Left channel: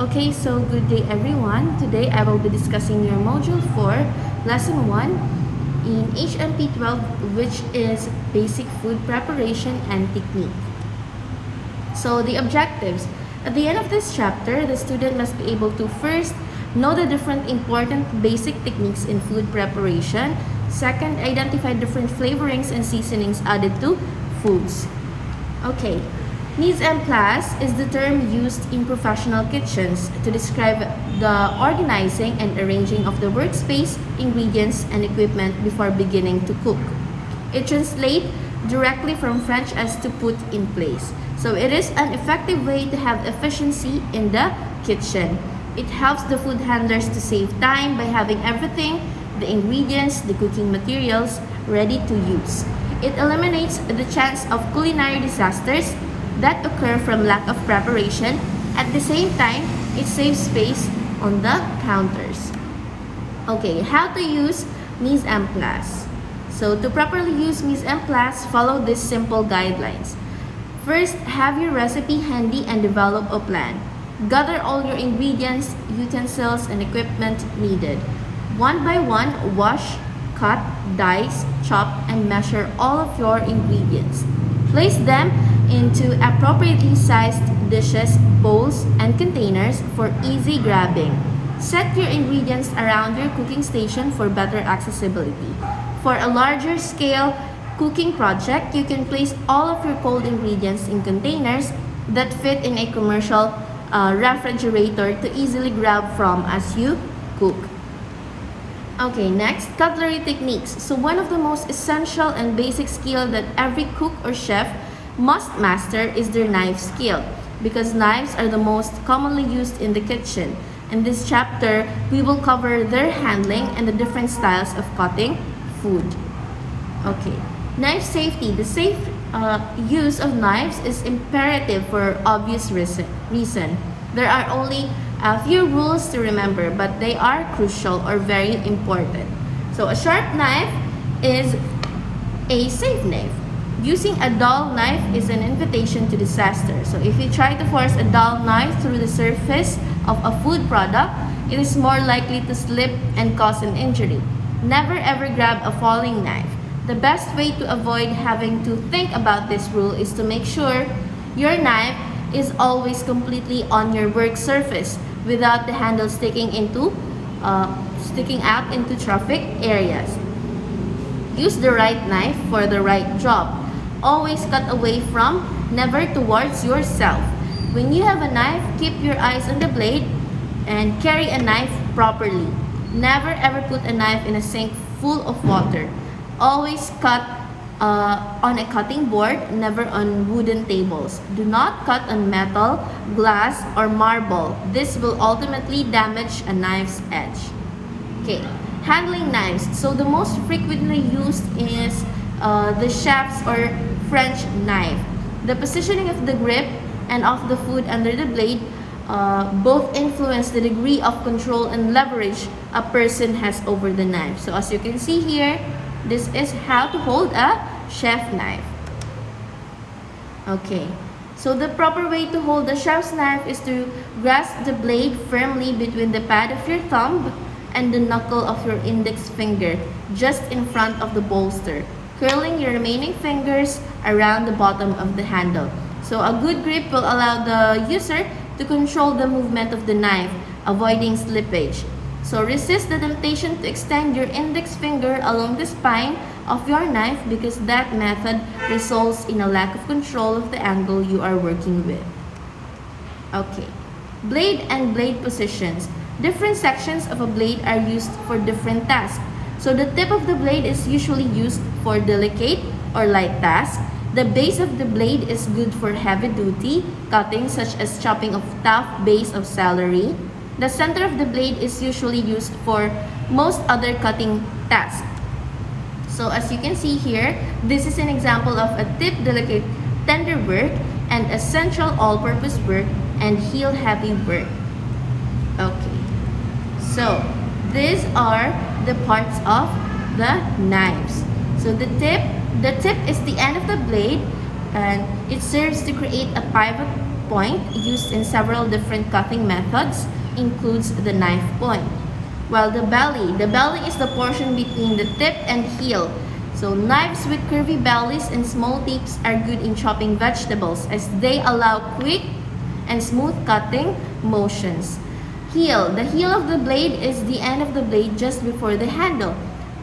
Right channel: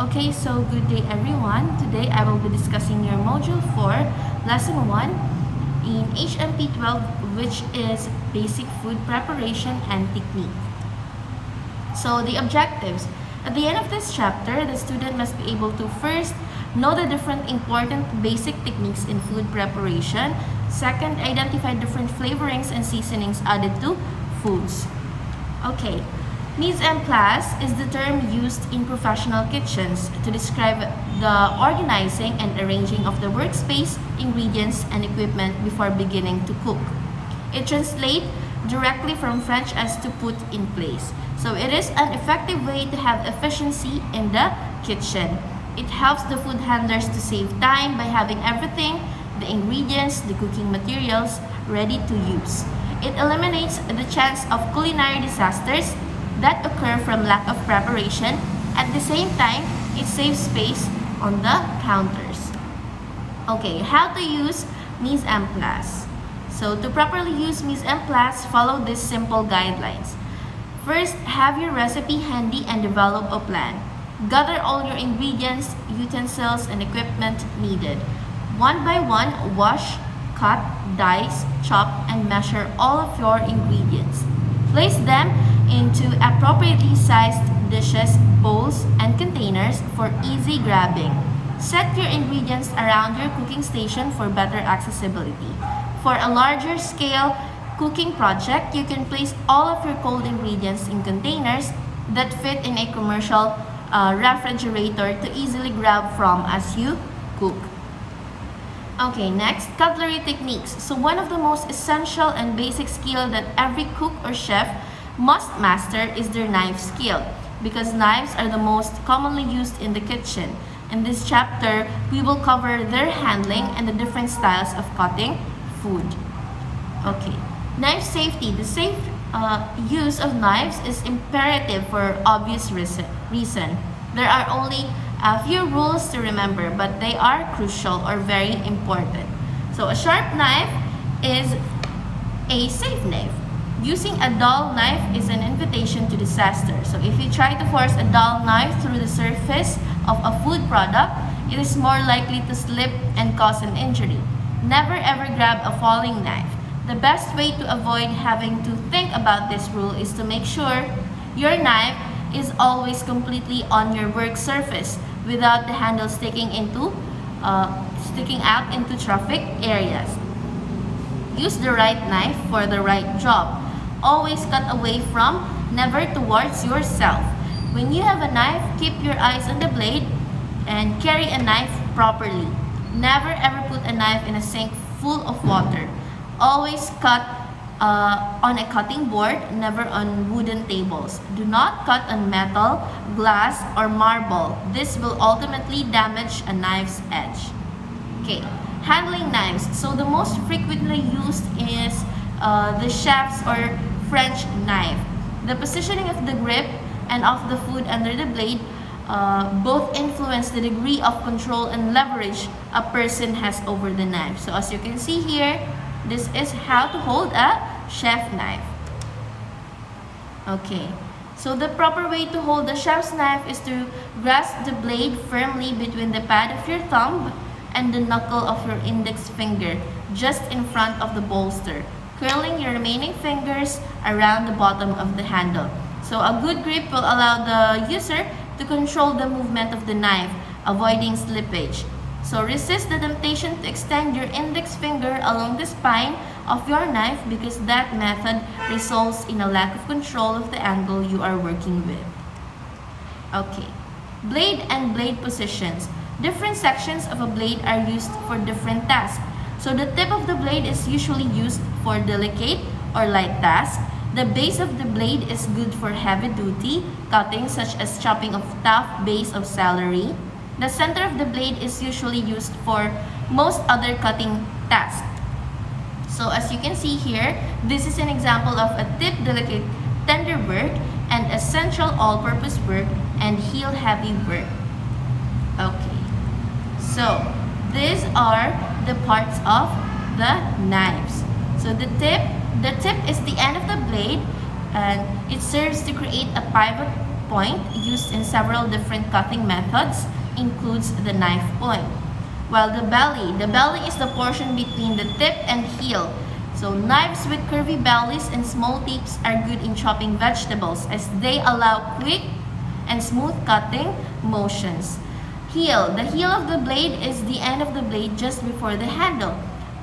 Okay, so good day everyone. Today I will be discussing your Module 4, Lesson 1 in HMP 12, which is Basic Food Preparation and Technique. So the objectives. At the end of this chapter, the student must be able to first know the different important basic techniques in food preparation. Second, identify different flavorings and seasonings added to foods. Okay. Mise en place is the term used in professional kitchens to describe the organizing and arranging of the workspace, ingredients, and equipment before beginning to cook. It translates directly from French as to put in place. So it is an effective way to have efficiency in the kitchen. It helps the food handlers to save time by having everything, the ingredients, the cooking materials, ready to use. It eliminates the chance of culinary disasters that occur from lack of preparation. At the same time, it saves space on the counters. Okay, how to use mise en place. So to properly use mise en place, follow these simple guidelines. First, have your recipe handy and develop a plan. Gather all your ingredients, utensils, and equipment needed. One by one, wash, cut, dice, chop, and measure all of your ingredients. Place them into appropriately sized dishes, bowls, and containers for easy grabbing. Set your ingredients around your cooking station for better accessibility. For a larger scale cooking project, you can place all of your cold ingredients in containers that fit in a commercial refrigerator to easily grab from as you cook. Okay, next, cutlery techniques. So one of the most essential and basic skill that every cook or chef must master is their knife skill, because knives are the most commonly used in the kitchen. In this chapter, we will cover their handling and the different styles of cutting food. Okay, knife safety. The safe use of knives is imperative for obvious reason. There are only a few rules to remember, but they are crucial or very important. So a sharp knife is a safe knife. Using a dull knife is an invitation to disaster. So if you try to force a dull knife through the surface of a food product, it is more likely to slip and cause an injury. Never ever grab a falling knife. The best way to avoid having to think about this rule is to make sure your knife is always completely on your work surface without the handle sticking out into traffic areas. Use the right knife for the right job. Always cut away from, never towards yourself. When you have a knife, keep your eyes on the blade and carry a knife properly. Never ever put a knife in a sink full of water. Always cut on a cutting board, never on wooden tables. Do not cut on metal, glass, or marble. This will ultimately damage a knife's edge. Okay, handling knives. So the most frequently used is the chef's or French knife. The positioning of the grip and of the food under the blade both influence the degree of control and leverage a person has over the knife. So as you can see here, this is how to hold a chef knife. Okay, so the proper way to hold the chef's knife is to grasp the blade firmly between the pad of your thumb and the knuckle of your index finger, just in front of the bolster, curling your remaining fingers around the bottom of the handle. So a good grip will allow the user to control the movement of the knife, avoiding slippage. So resist the temptation to extend your index finger along the spine of your knife, because that method results in a lack of control of the angle you are working with. Okay, blade and blade positions. Different sections of a blade are used for different tasks. So the tip of the blade is usually used for delicate or light tasks. The base of the blade is good for heavy-duty cutting, such as chopping of tough base of celery. The center of the blade is usually used for most other cutting tasks. So as you can see here, this is an example of a tip delicate tender work and essential all-purpose work and heel heavy work. Okay, so these are the parts of the knives. So the tip is the end of the blade, and it serves to create a pivot point, used in several different cutting methods, includes the knife point. While the belly is the portion between the tip and heel. So knives with curvy bellies and small tips are good in chopping vegetables as they allow quick and smooth cutting motions. The heel of the blade is the end of the blade just before the handle.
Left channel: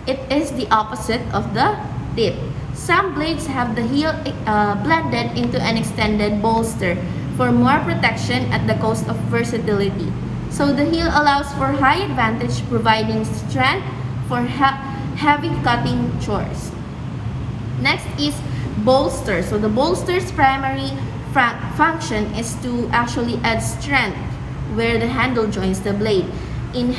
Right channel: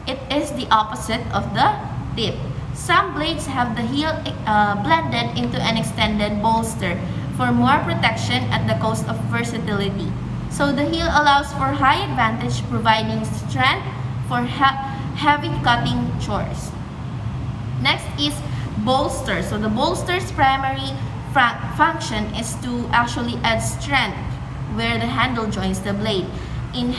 It is the opposite of the tip. Some blades have the heel blended into an extended bolster for more protection at the cost of versatility. So the heel allows for high advantage, providing strength for heavy cutting chores. Next is bolster. So the bolster's primary function is to actually add strength where the handle joins the blade. In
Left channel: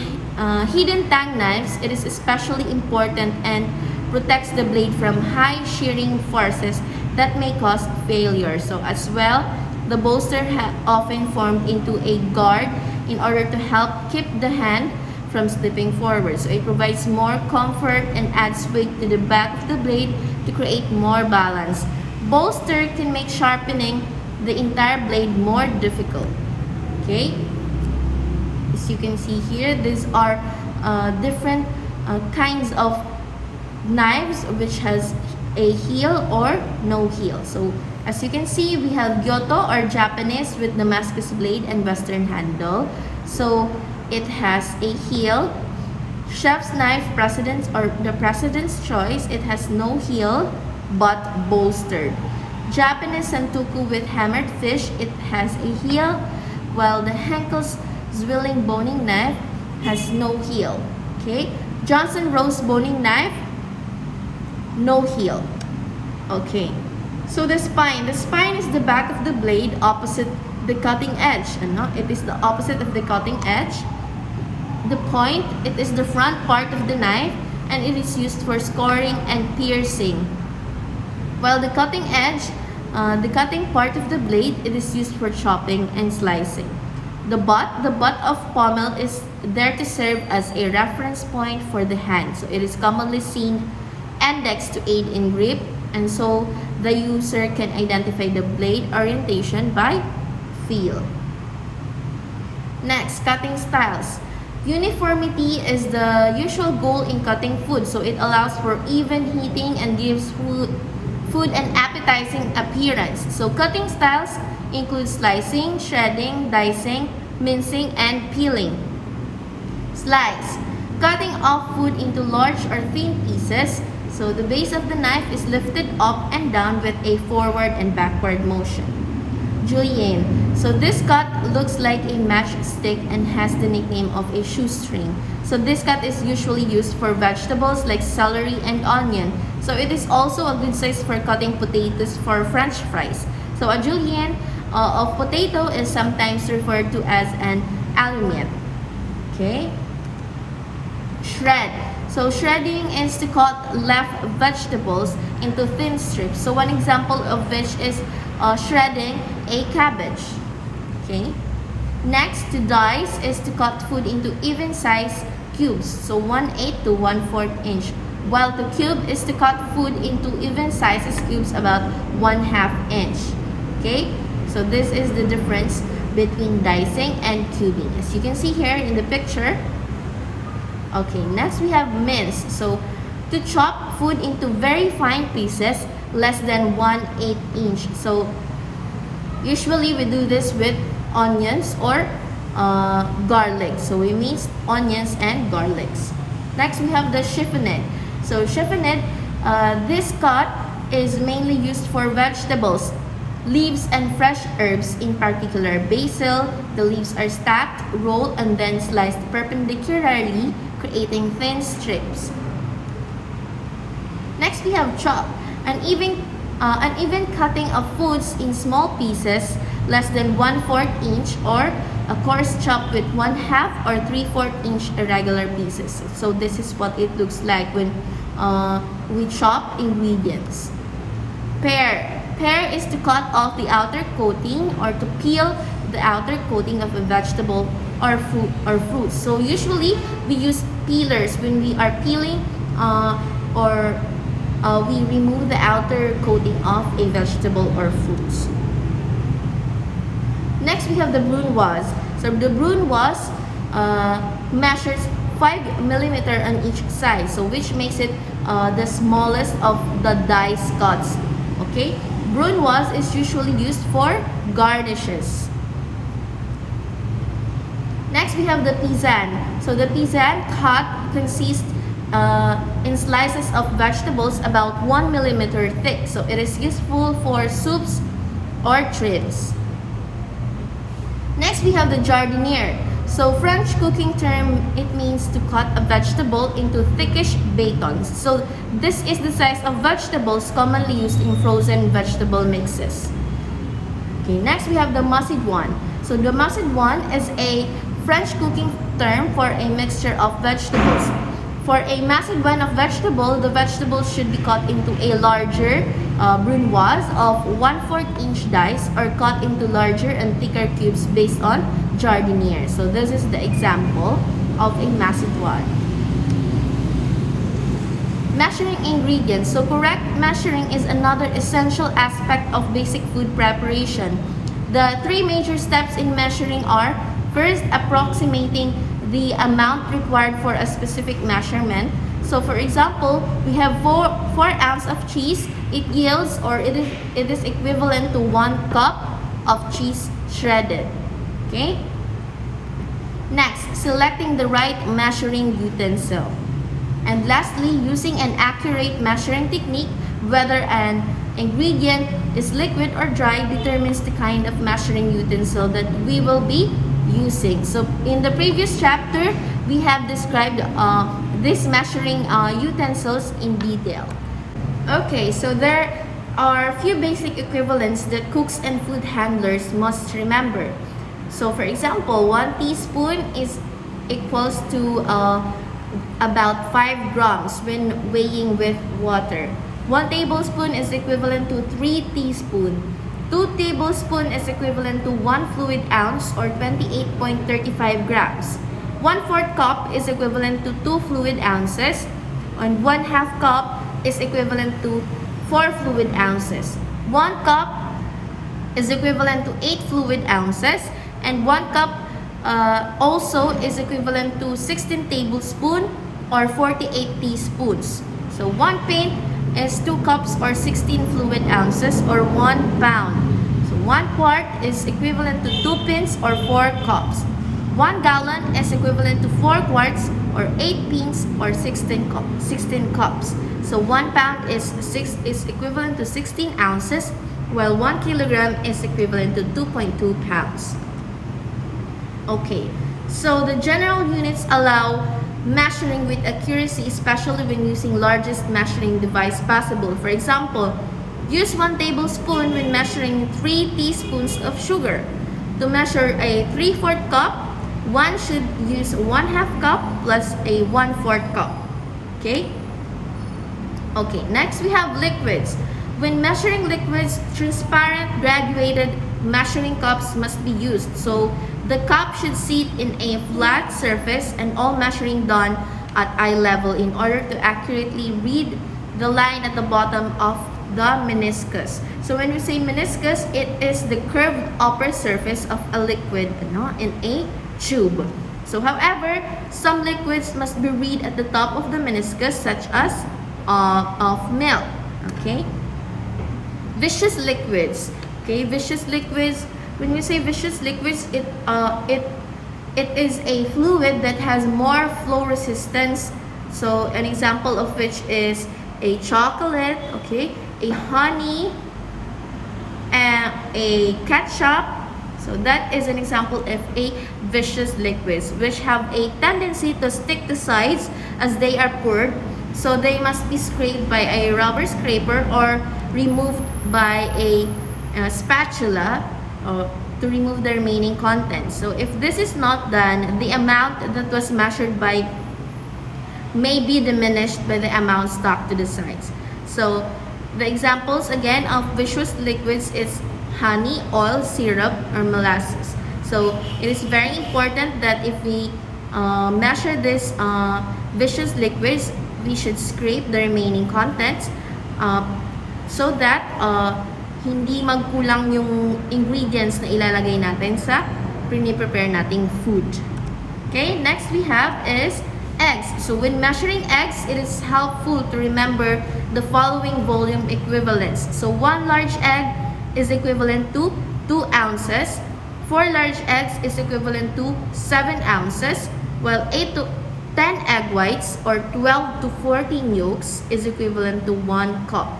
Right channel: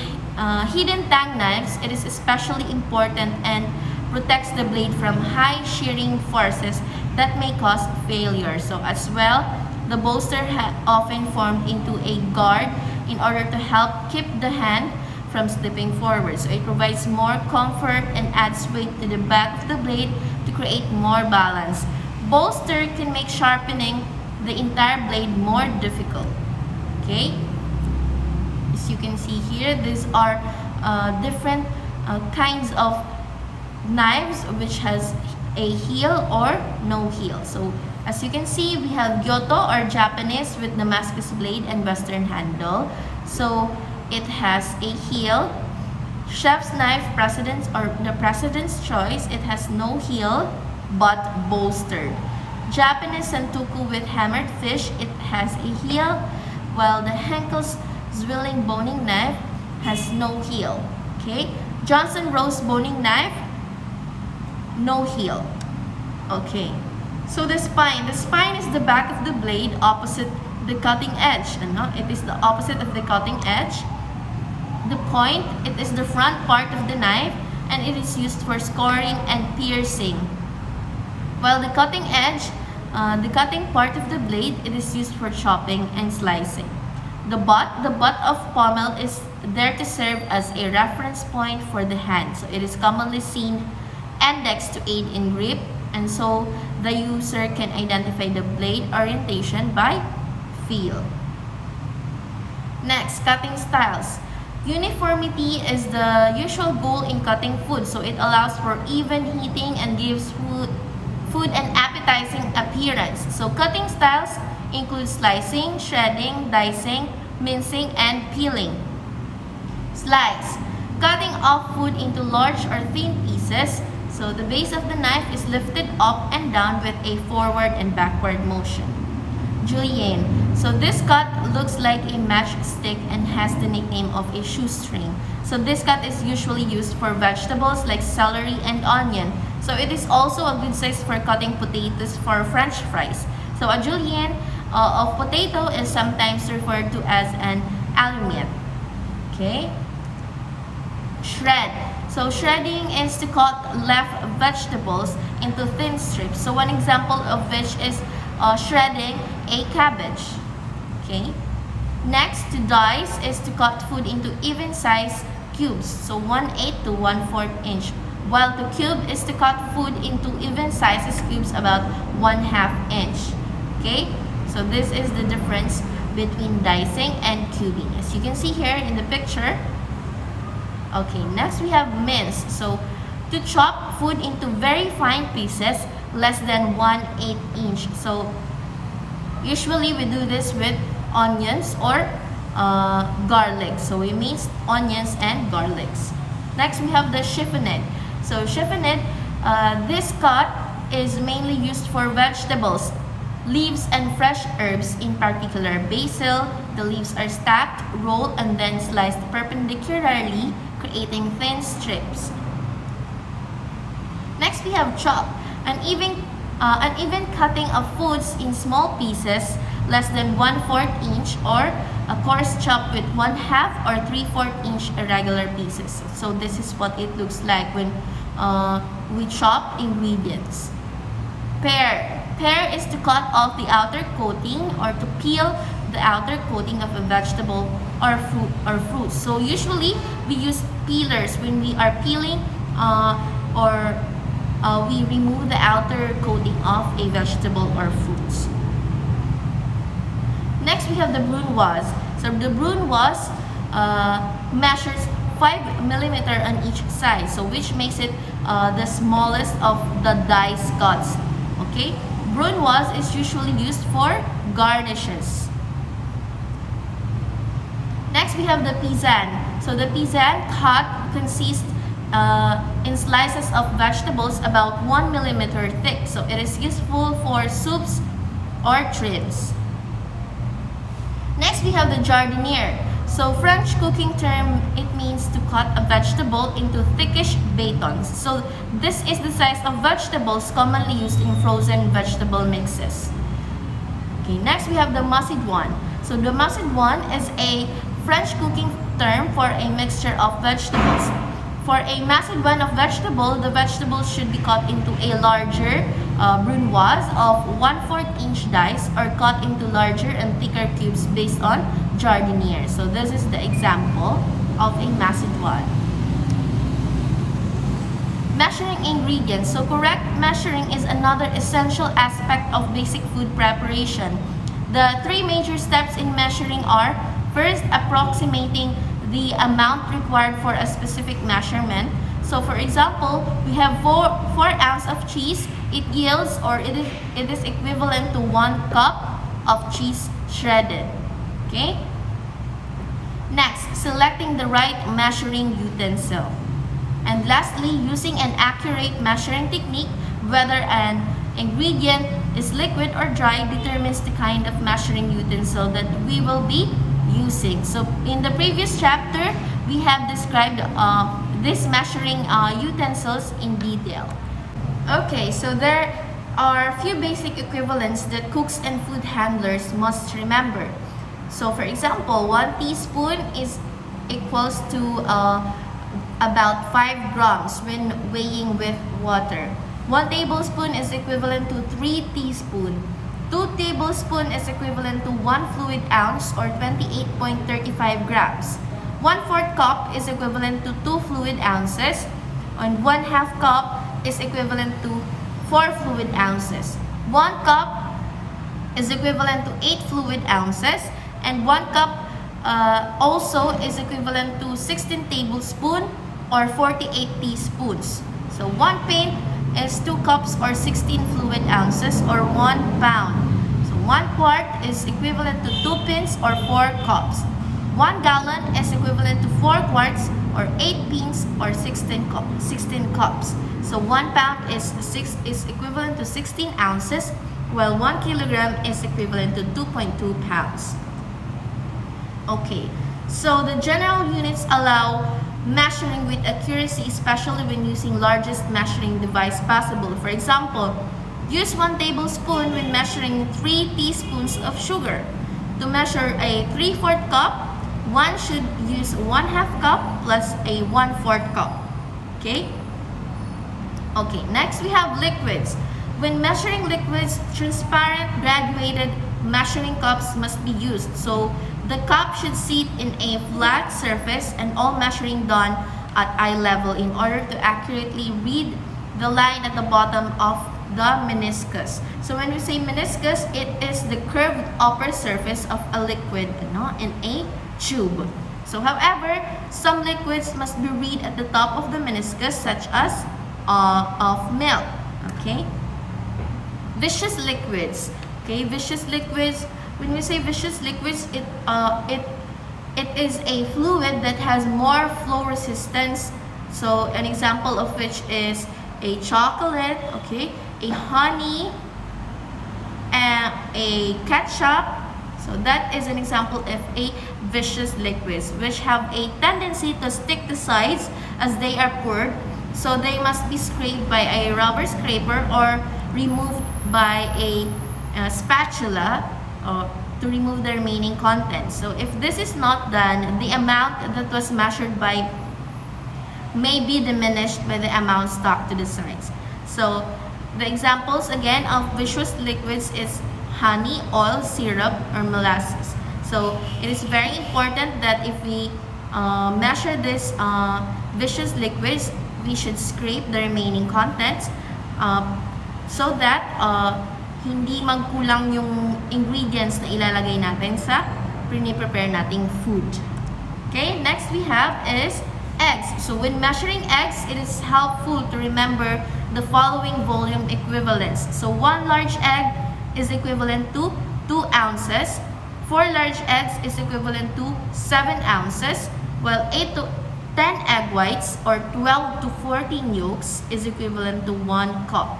hidden tang knives, it is especially important and protects the blade from high shearing forces that may cause failure. So as well, the bolster often formed into a guard in order to help keep the hand from slipping forward. So it provides more comfort and adds weight to the back of the blade to create more balance. Bolster can make sharpening the entire blade more difficult. Okay? As you can see here, these are different kinds of knives which has a heel or no heel. So as you can see, we have Gyoto or Japanese with Damascus blade and Western handle. So it has a heel. Chef's knife President's or the President's Choice, it has no heel but bolstered. Japanese Santoku with hammered fish, it has a heel, while the Henkel's Zwilling boning knife has no heel. Okay, Johnson Rose boning knife, no heel. Okay, so the spine is the back of the blade opposite the cutting edge. It is the opposite of the cutting edge. The point, it is the front part of the knife and it is used for scoring and piercing. While the cutting edge, the cutting part of the blade, it is used for chopping and slicing. The butt of pommel is there to serve as a reference point for the hand. So it is commonly seen indexed to aid in grip, and so the user can identify the blade orientation by feel. Next, cutting styles. Uniformity is the usual goal in cutting food, so it allows for even heating and gives food an appetizing appearance. So cutting styles include slicing, shredding, dicing, mincing, and peeling. Slice. Cutting off food into large or thin pieces. So the base of the knife is lifted up and down with a forward and backward motion. Julienne. So this cut looks like a matchstick and has the nickname of a shoestring. So this cut is usually used for vegetables like celery and onion. So it is also a good size for cutting potatoes for French fries. So a julienne of potato is sometimes referred to as an allumette. Okay. Shred. So shredding is to cut left vegetables into thin strips. So one example of which is shredding a cabbage. Okay. Next, to dice is to cut food into even size cubes. So 1/8 to 1/4 inch. While to cube is to cut food into even sizes cubes about 1/2 inch. Okay. So this is the difference between dicing and cubing. As you can see here in the picture. Okay, next we have mince. So to chop food into very fine pieces, less than 1/8 inch. So usually we do this with onions or garlic. So we mince onions and garlics. Next we have the chiffonade. So chiffonade, this cut is mainly used for vegetables, leaves, and fresh herbs, in particular basil. The leaves are stacked, rolled, and then sliced perpendicularly, creating thin strips. Next we have chop, an even cutting of foods in small pieces, less than 1/4 inch, or a coarse chop with 1/2 or 3/4 inch irregular pieces. So this is what it looks like when we chop ingredients. Pear. Pear is to cut off the outer coating or to peel the outer coating of a vegetable or fruit. So usually we use peelers when we are peeling we remove the outer coating of a vegetable or fruits. we have the brunoise. So the brunoise measures 5 millimeter on each side, so which makes it the smallest of the dice cuts. Okay, brunoise is usually used for garnishes. Next, we have the Pizzan. So the Pizzan cut consists in slices of vegetables about 1 millimeter thick. So it is useful for soups or trims. Next, we have the Jardiniere. So French cooking term, it means to cut a vegetable into thickish batons. So this is the size of vegetables commonly used in frozen vegetable mixes. Okay, next we have the macédoine. So the macédoine is a French cooking term for a mixture of vegetables. For a macédoine of vegetable, the vegetables should be cut into a larger brunoise of 1/4 inch dice or cut into larger and thicker cubes based on Jardiniere. So this is the example of a macédoine. Measuring ingredients. So correct measuring is another essential aspect of basic food preparation. The 3 major steps in measuring are: first, approximating the amount required for a specific measurement. So for example, we have 4 ounces of cheese. It yields, or it is equivalent to 1 cup of cheese shredded. Okay? Next, selecting the right measuring utensil. And lastly, using an accurate measuring technique, whether an ingredient is liquid or dry, determines the kind of measuring utensil that we will be using. So in the previous chapter, we have described these measuring utensils in detail. Okay, so there are a few basic equivalents that cooks and food handlers must remember. So for example, 1 teaspoon is equals to about 5 grams when weighing with water. 1 tablespoon is equivalent to 3 teaspoons. 2 tablespoons is equivalent to 1 fluid ounce or 28.35 grams. 1/4 cup is equivalent to 2 fluid ounces, and 1/2 cup is equivalent to 4 fluid ounces. 1 cup is equivalent to 8 fluid ounces, and 1 cup also is equivalent to 16 tablespoons or 48 teaspoons. So 1 pint is 2 cups or 16 fluid ounces or 1 pound. So 1 quart is equivalent to 2 pints or 4 cups. 1 gallon is equivalent to 4 quarts or 8 pints or 16 cups. So 1 pound is equivalent to 16 ounces, while 1 kilogram is equivalent to 2.2 pounds. Okay, so the general units allow measuring with accuracy, especially when using largest measuring device possible. For example, use 1 tablespoon when measuring 3 teaspoons of sugar. To measure a 3/4 cup, one should use 1/2 cup plus a 1/4 cup. Okay? Okay, next we have liquids. When measuring liquids, transparent graduated measuring cups must be used. So the cup should sit in a flat surface and all measuring done at eye level in order to accurately read the line at the bottom of the meniscus. So when we say meniscus, it is the curved upper surface of a liquid in a tube. So however, some liquids must be read at the top of the meniscus, such as of milk. Okay? Viscous liquids. Okay, viscous liquids. When we say viscous liquids, it is a fluid that has more flow resistance. So an example of which is a chocolate, okay, a honey, and a ketchup. So that is an example of a viscous liquids, which have a tendency to stick to sides as they are poured. So they must be scraped by a rubber scraper or removed by a spatula to remove the remaining contents. So if this is not done, the amount that was measured by may be diminished by the amount stuck to the sides. So the examples again of viscous liquids is honey, oil, syrup, or molasses. So it is very important that if we measure this viscous liquids, we should scrape the remaining contents so that hindi magkulang yung ingredients na ilalagay natin sa prepare nating food. Okay, next we have is eggs. So when measuring eggs, it is helpful to remember the following volume equivalents. So 1 large egg is equivalent to 2 ounces, 4 large eggs is equivalent to 7 ounces, while 8 to 10 egg whites or 12 to 14 yolks is equivalent to 1 cup.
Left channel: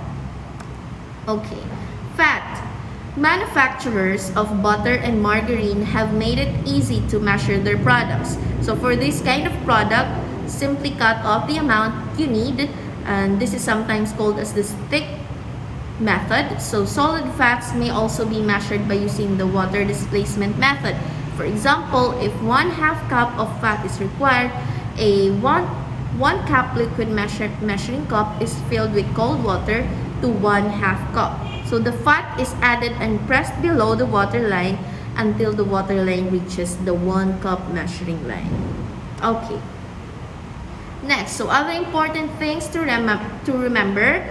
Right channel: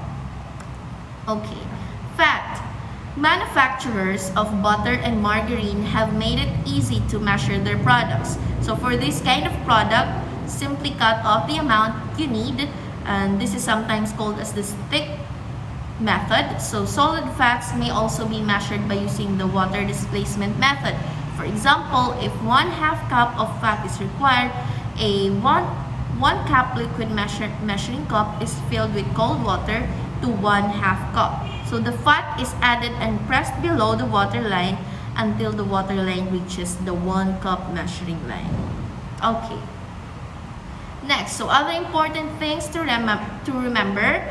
Okay. Fact: manufacturers of butter and margarine have made it easy to measure their products. So for this kind of product, simply cut off the amount you need, and this is sometimes called as the stick method. So solid fats may also be measured by using the water displacement method. For example, if 1/2 cup of fat is required, a 1 cup liquid measuring cup is filled with cold water to 1/2 cup. So the fat is added and pressed below the water line until the water line reaches the 1 cup measuring line. Okay. Next, so other important things to remember,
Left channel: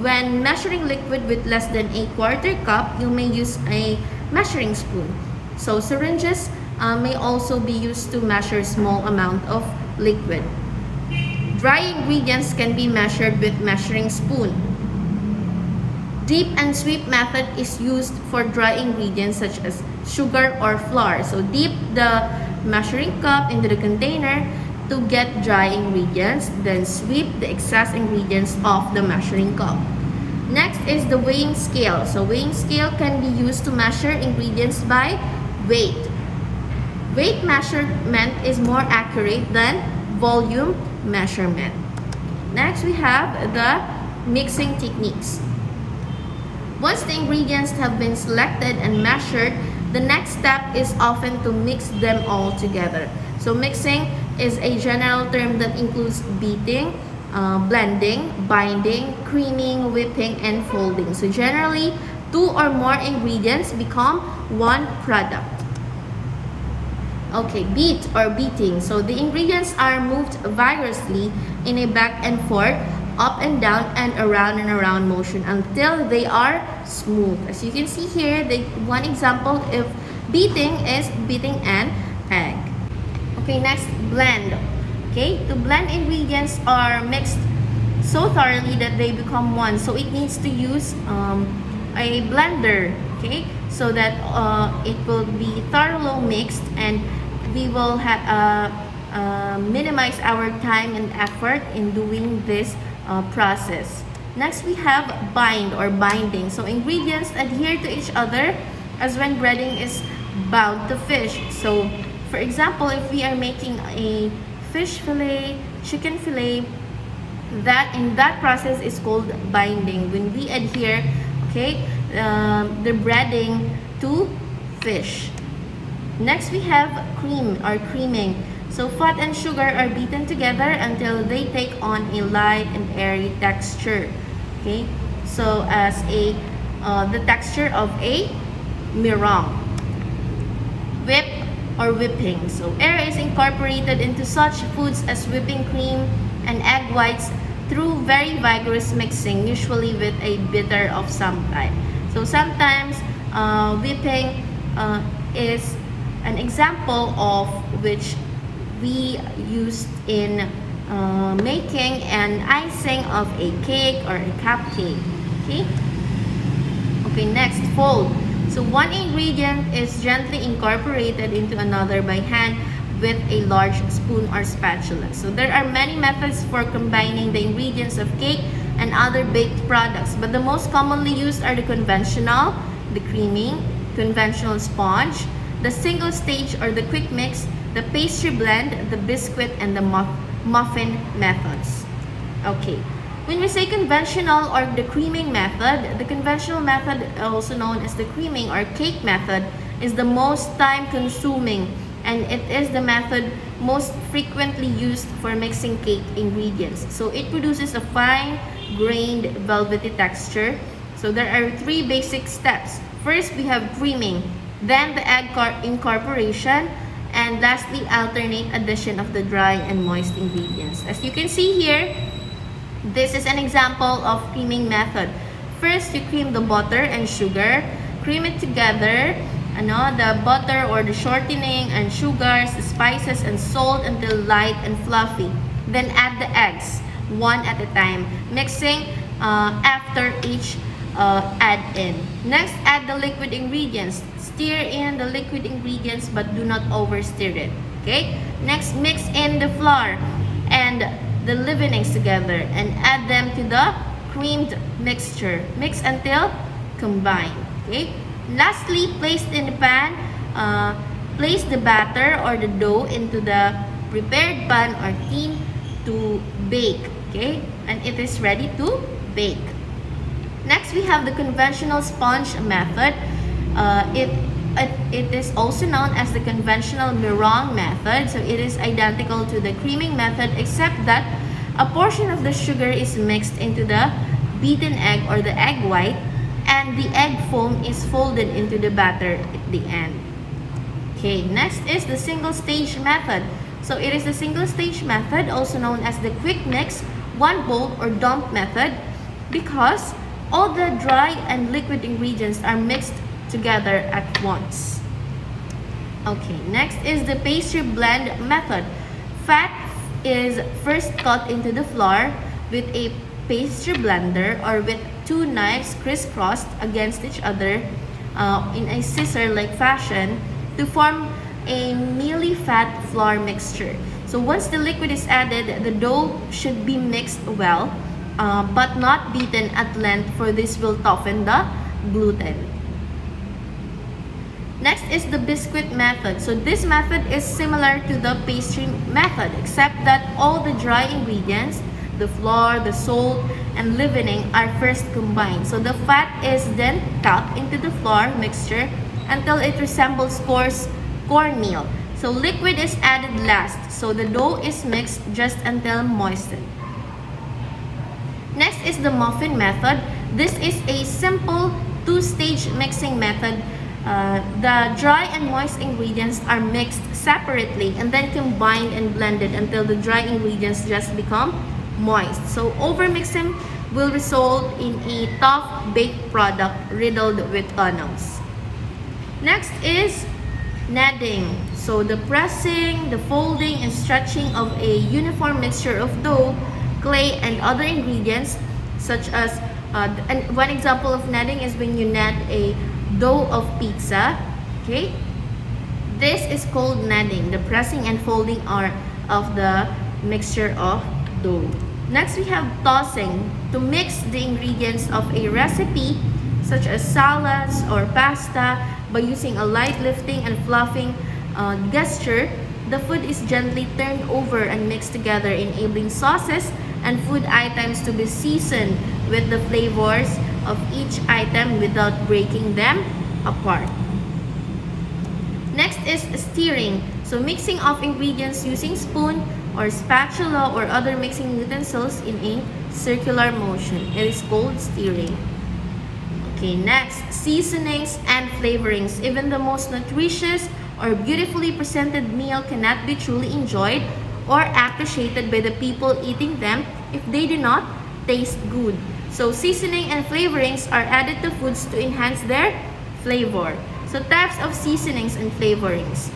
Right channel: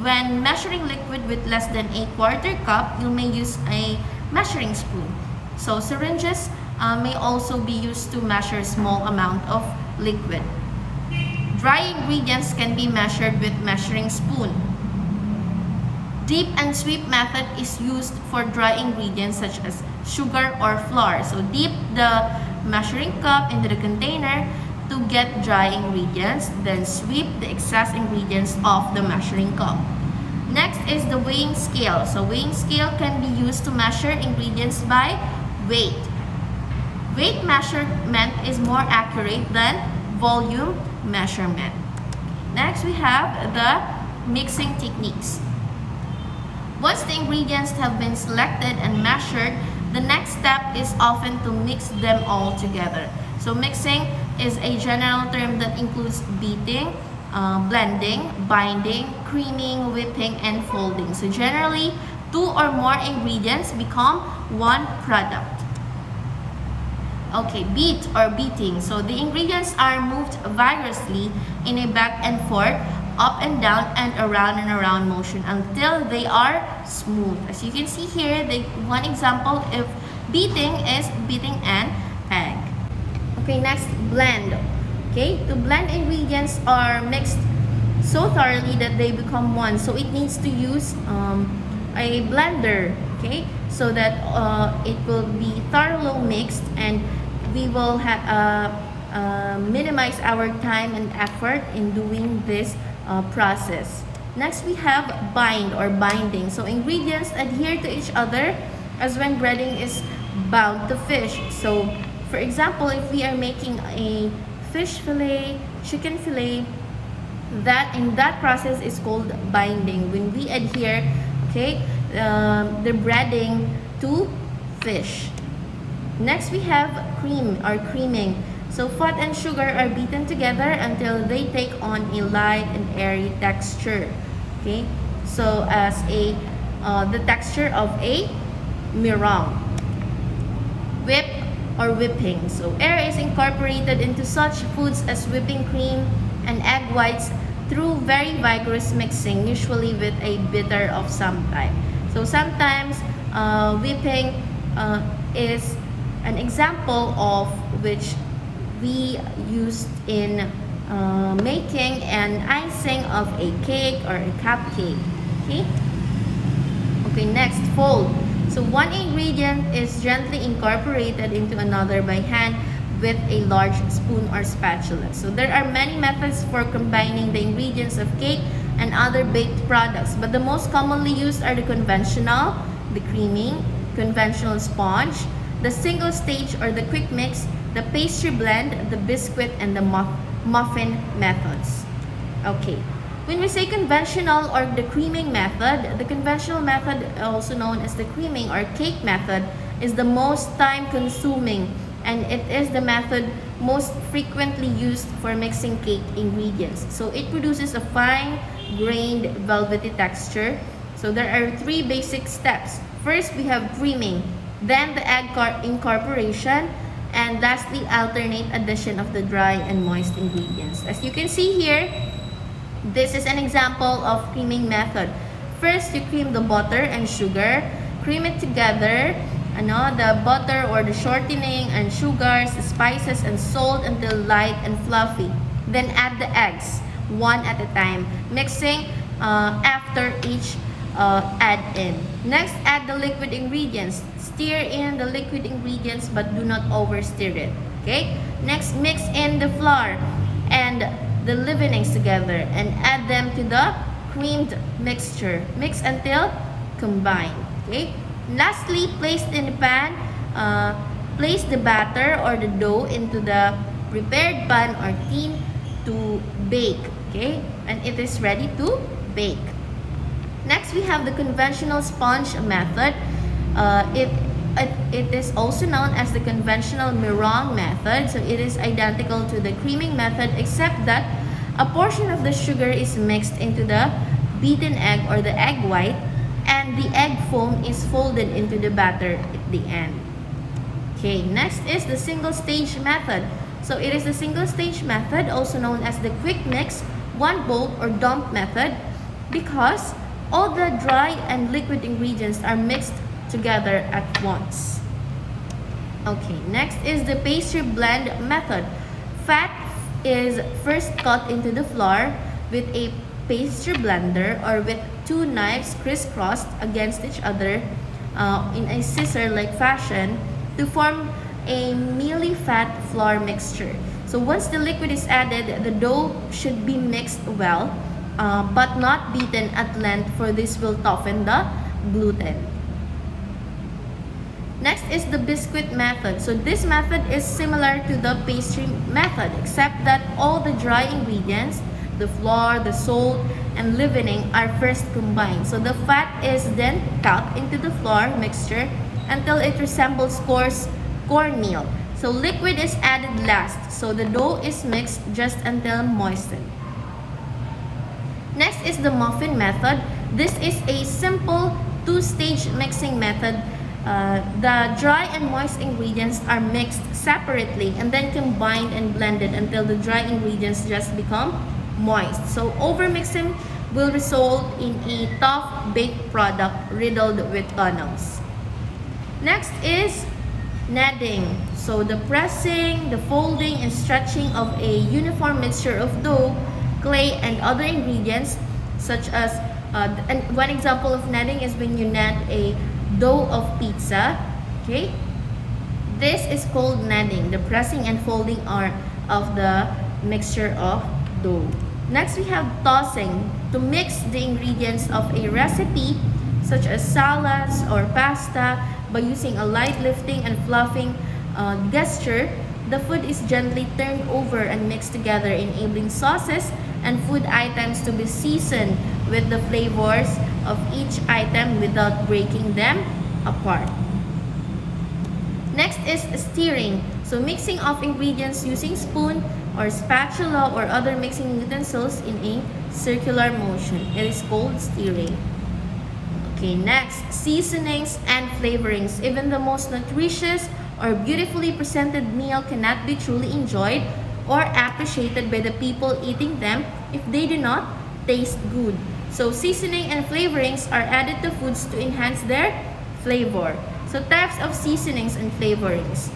when measuring liquid with less than a 1/4 cup, you may use a measuring spoon. So syringes may also be used to measure small amount of liquid. Dry ingredients can be measured with measuring spoon. Dip and sweep method is used for dry ingredients such as sugar or flour. So dip the measuring cup into the container to get dry ingredients, then sweep the excess ingredients off the measuring cup. Next is the weighing scale. So weighing scale can be used to measure ingredients by weight. Weight measurement is more accurate than volume measurement. Next we have the mixing techniques. Once the ingredients have been selected and measured, the next step is often to mix them all together. So mixing is a general term that includes beating, blending, binding, creaming, whipping, and folding. So generally, 2 or more ingredients become 1 product. Okay, beat or beating. So the ingredients are moved vigorously in a back and forth, up and down and around motion until they are smooth. As you can see here, one example of beating is beating an egg. Okay, next, blend. Okay, to blend, ingredients are mixed so thoroughly that they become one. So it needs to use a blender, okay, so that it will be thoroughly mixed, and we will minimize our time and effort in doing this process. Next, we have bind or binding. So ingredients adhere to each other as when breading is bound to fish. So for example, if we are making a fish fillet, chicken fillet, that in that process is called binding, when we adhere, okay, the breading to fish. Next, we have cream or creaming. So fat and sugar are beaten together until they take on a light and airy texture. Okay, so as the texture of a meringue. Whip or whipping. So air is incorporated into such foods as whipping cream and egg whites through very vigorous mixing, usually with a bitter of some type. So sometimes whipping is an example of which we used in making an icing of a cake or a cupcake. Okay, next, fold. So one ingredient is gently incorporated into another by hand with a large spoon or spatula. So there are many methods for combining the ingredients of cake and other baked products, but the most commonly used are the conventional, the creaming, conventional sponge, the single stage or the quick mix, the pastry blend, the biscuit, and the muffin methods. Okay, when we say conventional or the creaming method, the conventional method, also known as the creaming or cake method, is the most time consuming, and it is the method most frequently used for mixing cake ingredients. So it produces a fine grained velvety texture. So there are 3 basic steps. First, we have creaming, then the egg incorporation, and lastly, alternate addition of the dry and moist ingredients. As you can see here, this is an example of creaming method. First, you cream the butter and sugar. Cream it together, the butter or the shortening and sugars, spices and salt until light and fluffy. Then add the eggs, one at a time, mixing after each add in. Next, add the liquid ingredients. Stir in the liquid ingredients but do not over stir it. Okay? Next, mix in the flour and the leavenings together and add them to the creamed mixture. Mix until combined. Okay? Lastly, place in the pan, place the batter or the dough into the prepared pan or tin to bake. Okay? And it is ready to bake. Next, we have the conventional sponge method. It is also known as the conventional meringue method. So it is identical to the creaming method except that a portion of the sugar is mixed into the beaten egg or the egg white, and the egg foam is folded into the batter at the end. Okay, next is the single stage method. So it is the single stage method, also known as the quick mix, one bowl or dump method, because all the dry and liquid ingredients are mixed together at once. Okay, next is the pastry blend method. Fat is first cut into the flour with a pastry blender or with two knives crisscrossed against each other in a scissor-like fashion to form a mealy fat flour mixture. So once the liquid is added, the dough should be mixed well, but not beaten at length, for this will toughen the gluten. Next is the biscuit method. So this method is similar to the pastry method except that all the dry ingredients, the flour, the salt, and leavening are first combined. So the fat is then tapped into the flour mixture until it resembles coarse cornmeal. So liquid is added last. So the dough is mixed just until moistened. Next is the muffin method. This is a simple two-stage mixing method. The dry and moist ingredients are mixed separately and then combined and blended until the dry ingredients just become moist. So overmixing will result in a tough baked product riddled with tunnels. Next is kneading. So the pressing, the folding, and stretching of a uniform mixture of dough, clay, and other ingredients, such as and one example of kneading is when you knead a dough of pizza. Okay, this is called kneading, the pressing and folding of the mixture of dough. Next, we have tossing, to mix the ingredients of a recipe such as salads or pasta by using a light lifting and fluffing gesture. The food is gently turned over and mixed together, enabling sauces and food items to be seasoned with the flavors of each item without breaking them apart. Next is stirring. So mixing of ingredients using spoon or spatula or other mixing utensils in a circular motion. It is called stirring. Okay, next, seasonings and flavorings. Even the most nutritious or beautifully presented meal cannot be truly enjoyed or appreciated by the people eating them if they do not taste good. So seasoning and flavorings are added to foods to enhance their flavor. So types of seasonings and flavorings.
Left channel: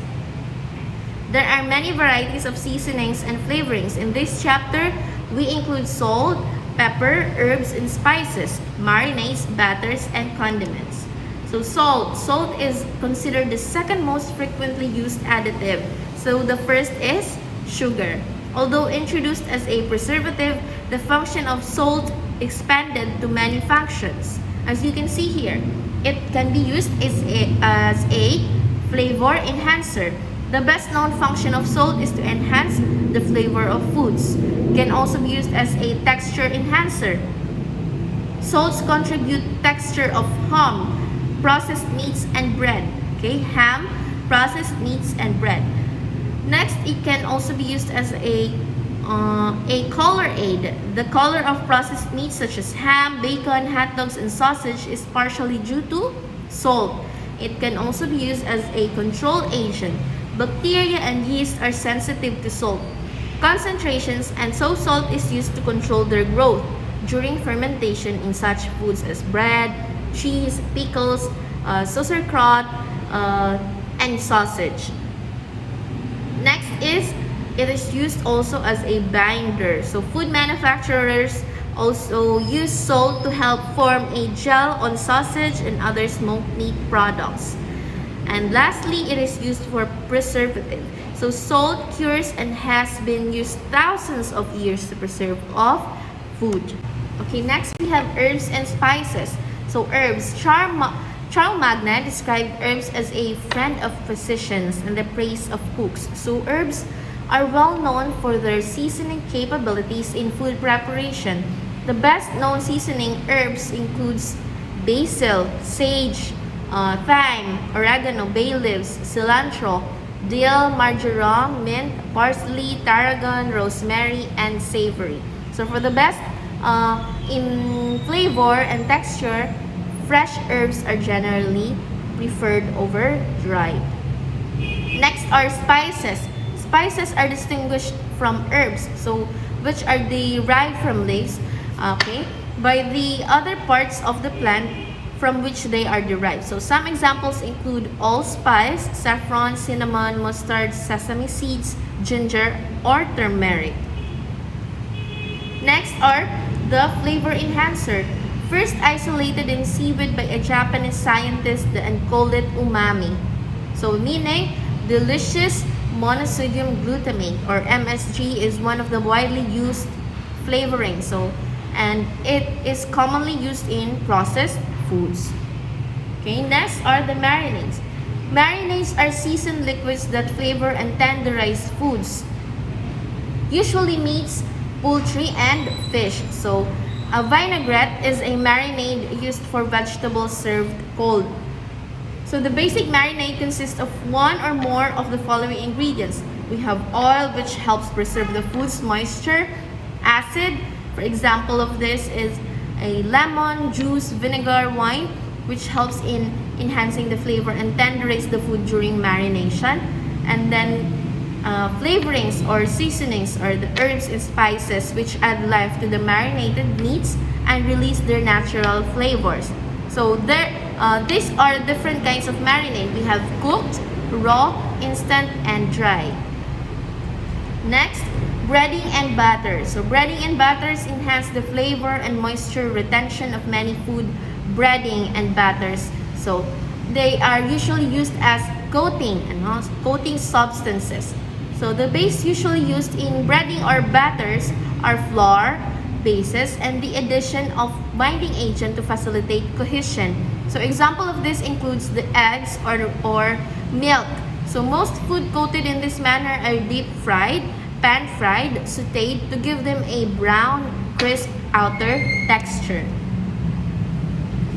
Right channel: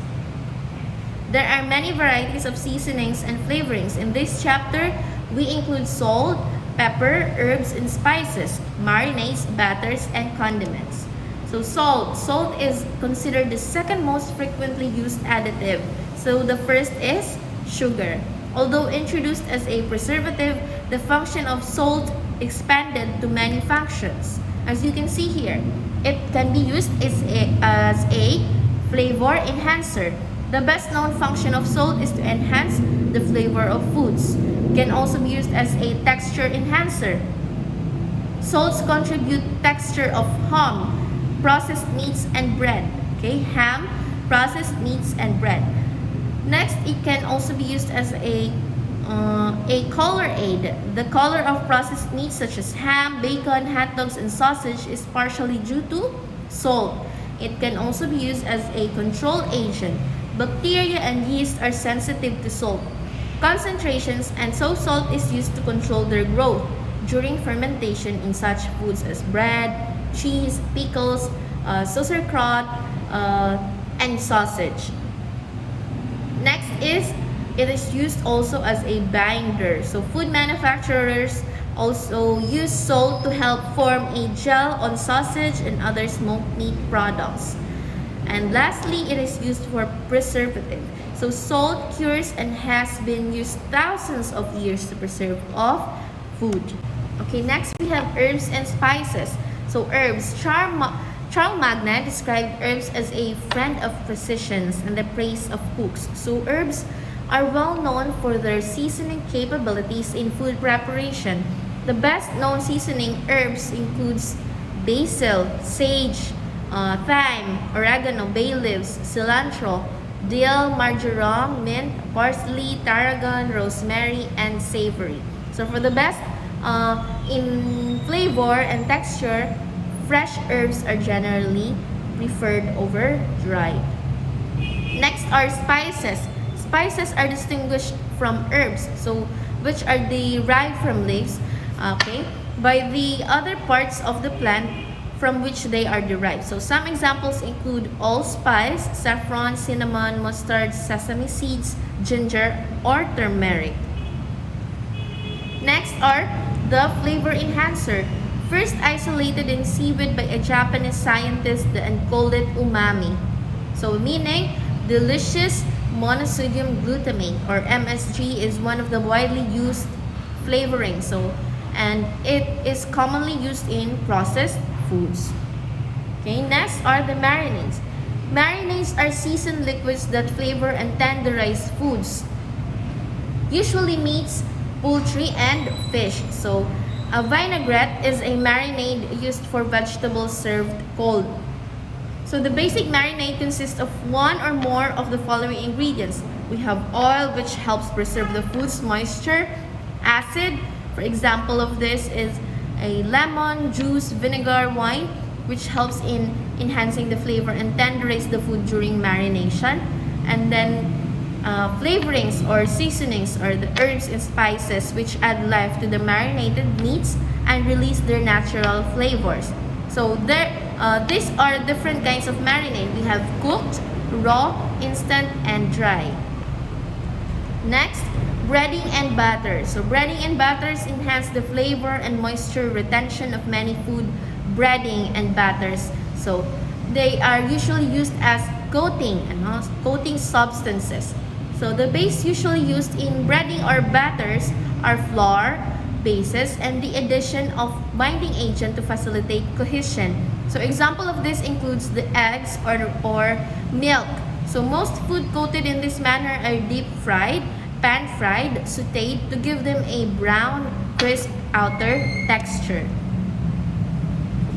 There are many varieties of seasonings and flavorings. In this chapter, we include salt, pepper, herbs, and spices, marinades, batters, and condiments. So salt. Salt is considered the second most frequently used additive. So the first is sugar. Although introduced as a preservative, the function of salt expanded to many functions. As you can see here, it can be used as a flavor enhancer. The best known function of salt is to enhance the flavor of foods. It can also be used as a texture enhancer. Salts contribute texture of ham, processed meats, and bread. Okay, ham, processed meats, and bread. Next, it can also be used as a color aid. The color of processed meats such as ham, bacon, hot dogs, and sausage is partially due to salt. It can also be used as a control agent. Bacteria and yeast are sensitive to salt concentrations, and so salt is used to control their growth. during fermentation in such foods as bread, cheese, pickles, sauerkraut, and sausage. Next is, it is used also as a binder. So food manufacturers also use salt to help form a gel on sausage and other smoked meat products. And lastly, it is used for preservative. So salt cures and has been used thousands of years to preserve of food. Okay, next we have herbs and spices. So herbs, Charles Magna described herbs as a friend of physicians and the praise of cooks. So herbs are well known for their seasoning capabilities in food preparation. The best known seasoning herbs includes basil, sage, thyme, oregano, bay leaves, cilantro, dill, marjoram, mint, parsley, tarragon, rosemary, and savory. So for the best in flavor and texture, fresh herbs are generally preferred over dried. Next are spices. Spices are distinguished from herbs, so which are derived from leaves, okay, by the other parts of the plant from which they are derived. So some examples include allspice, saffron, cinnamon, mustard, sesame seeds, ginger, or turmeric. Next are the flavor enhancer. First isolated in seaweed by a Japanese scientist and called it umami. So meaning delicious monosodium glutamate, or MSG, is one of the widely used flavorings. And it is commonly used in processed foods. Okay, next are the marinades. Marinades are seasoned liquids that flavor and tenderize foods, usually meats, poultry, and fish. So a vinaigrette is a marinade used for vegetables served cold. So the basic marinade consists of one or more of the following ingredients. We have oil, which helps preserve the food's moisture. Acid, for example of this is a lemon, juice, vinegar, wine, which helps in enhancing the flavor and tenderize the food during marination. And then flavorings or seasonings are the herbs and spices which add life to the marinated meats and release their natural flavors. So these are different kinds of marinade. We have cooked, raw, instant, and dry. Next, breading and batter. So breading and batters enhance the flavor and moisture retention of many food breading and batters. So they are usually used as coating substances. So the base usually used in breading or batters are flour, bases, and the addition of binding agent to facilitate cohesion. So example of this includes the eggs or milk. So most food coated in this manner are deep fried, pan fried, sauteed to give them a brown, crisp outer texture.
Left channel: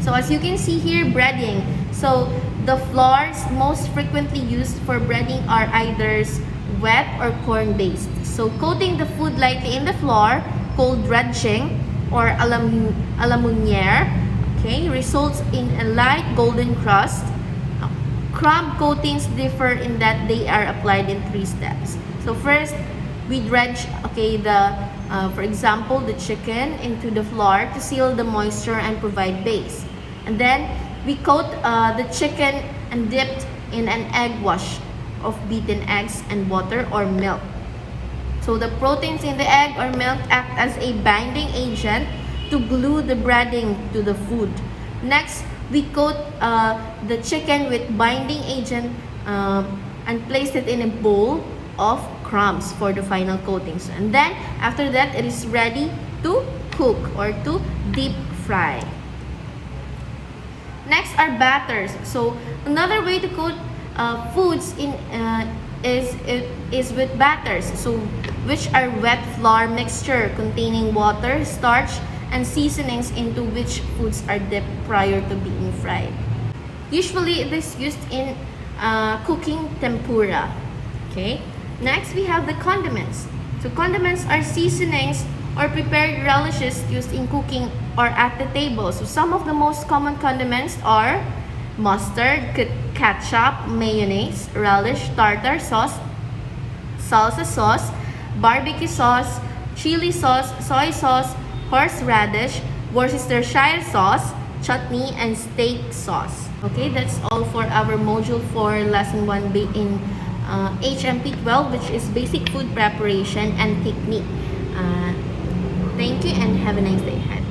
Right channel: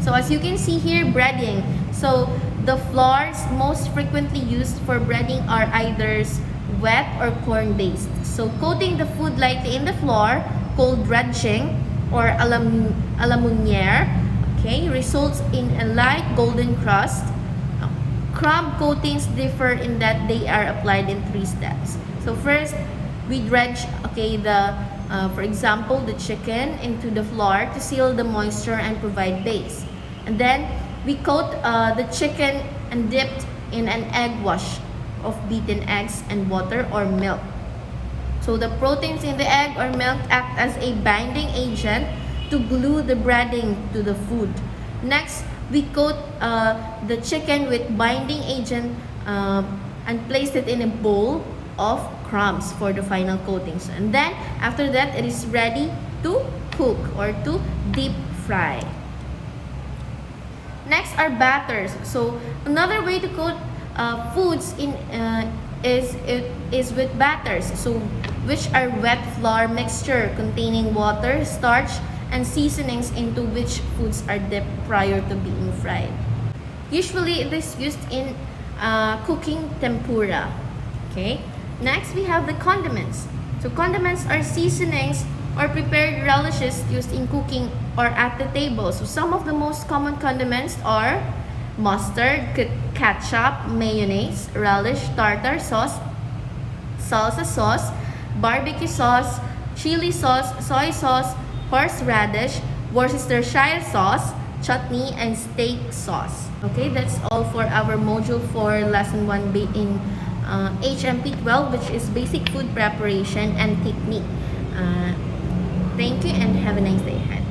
So as you can see here, breading. So the flours most frequently used for breading are either wet or corn-based. So coating the food lightly in the flour, called dredging or alamoniere, okay, results in a light golden crust. Crumb coatings differ in that they are applied in 3 steps. So first, we dredge, okay, for example, the chicken into the flour to seal the moisture and provide base. And then we coat the chicken and dipped in an egg wash of beaten eggs and water or milk. So the proteins in the egg or milk act as a binding agent to glue the breading to the food. Next, we coat the chicken with binding agent and place it in a bowl of crumbs for the final coatings. And then after that, it is ready to cook or to deep fry. Next are batters. So another way to coat foods is with batters, so which are wet flour mixture containing water, starch, and seasonings into which foods are dipped prior to being fried. Usually it is used in cooking tempura. Okay. Next we have the condiments. So condiments are seasonings or prepared relishes used in cooking or at the table. So some of the most common condiments are mustard, ketchup, mayonnaise, relish, tartar sauce, salsa sauce, barbecue sauce, chili sauce, soy sauce, horseradish, Worcestershire sauce, chutney, and steak sauce. Okay, that's all for our module 4 lesson 1 in HMP 12, which is basic food preparation and technique. Thank you and have a nice day ahead.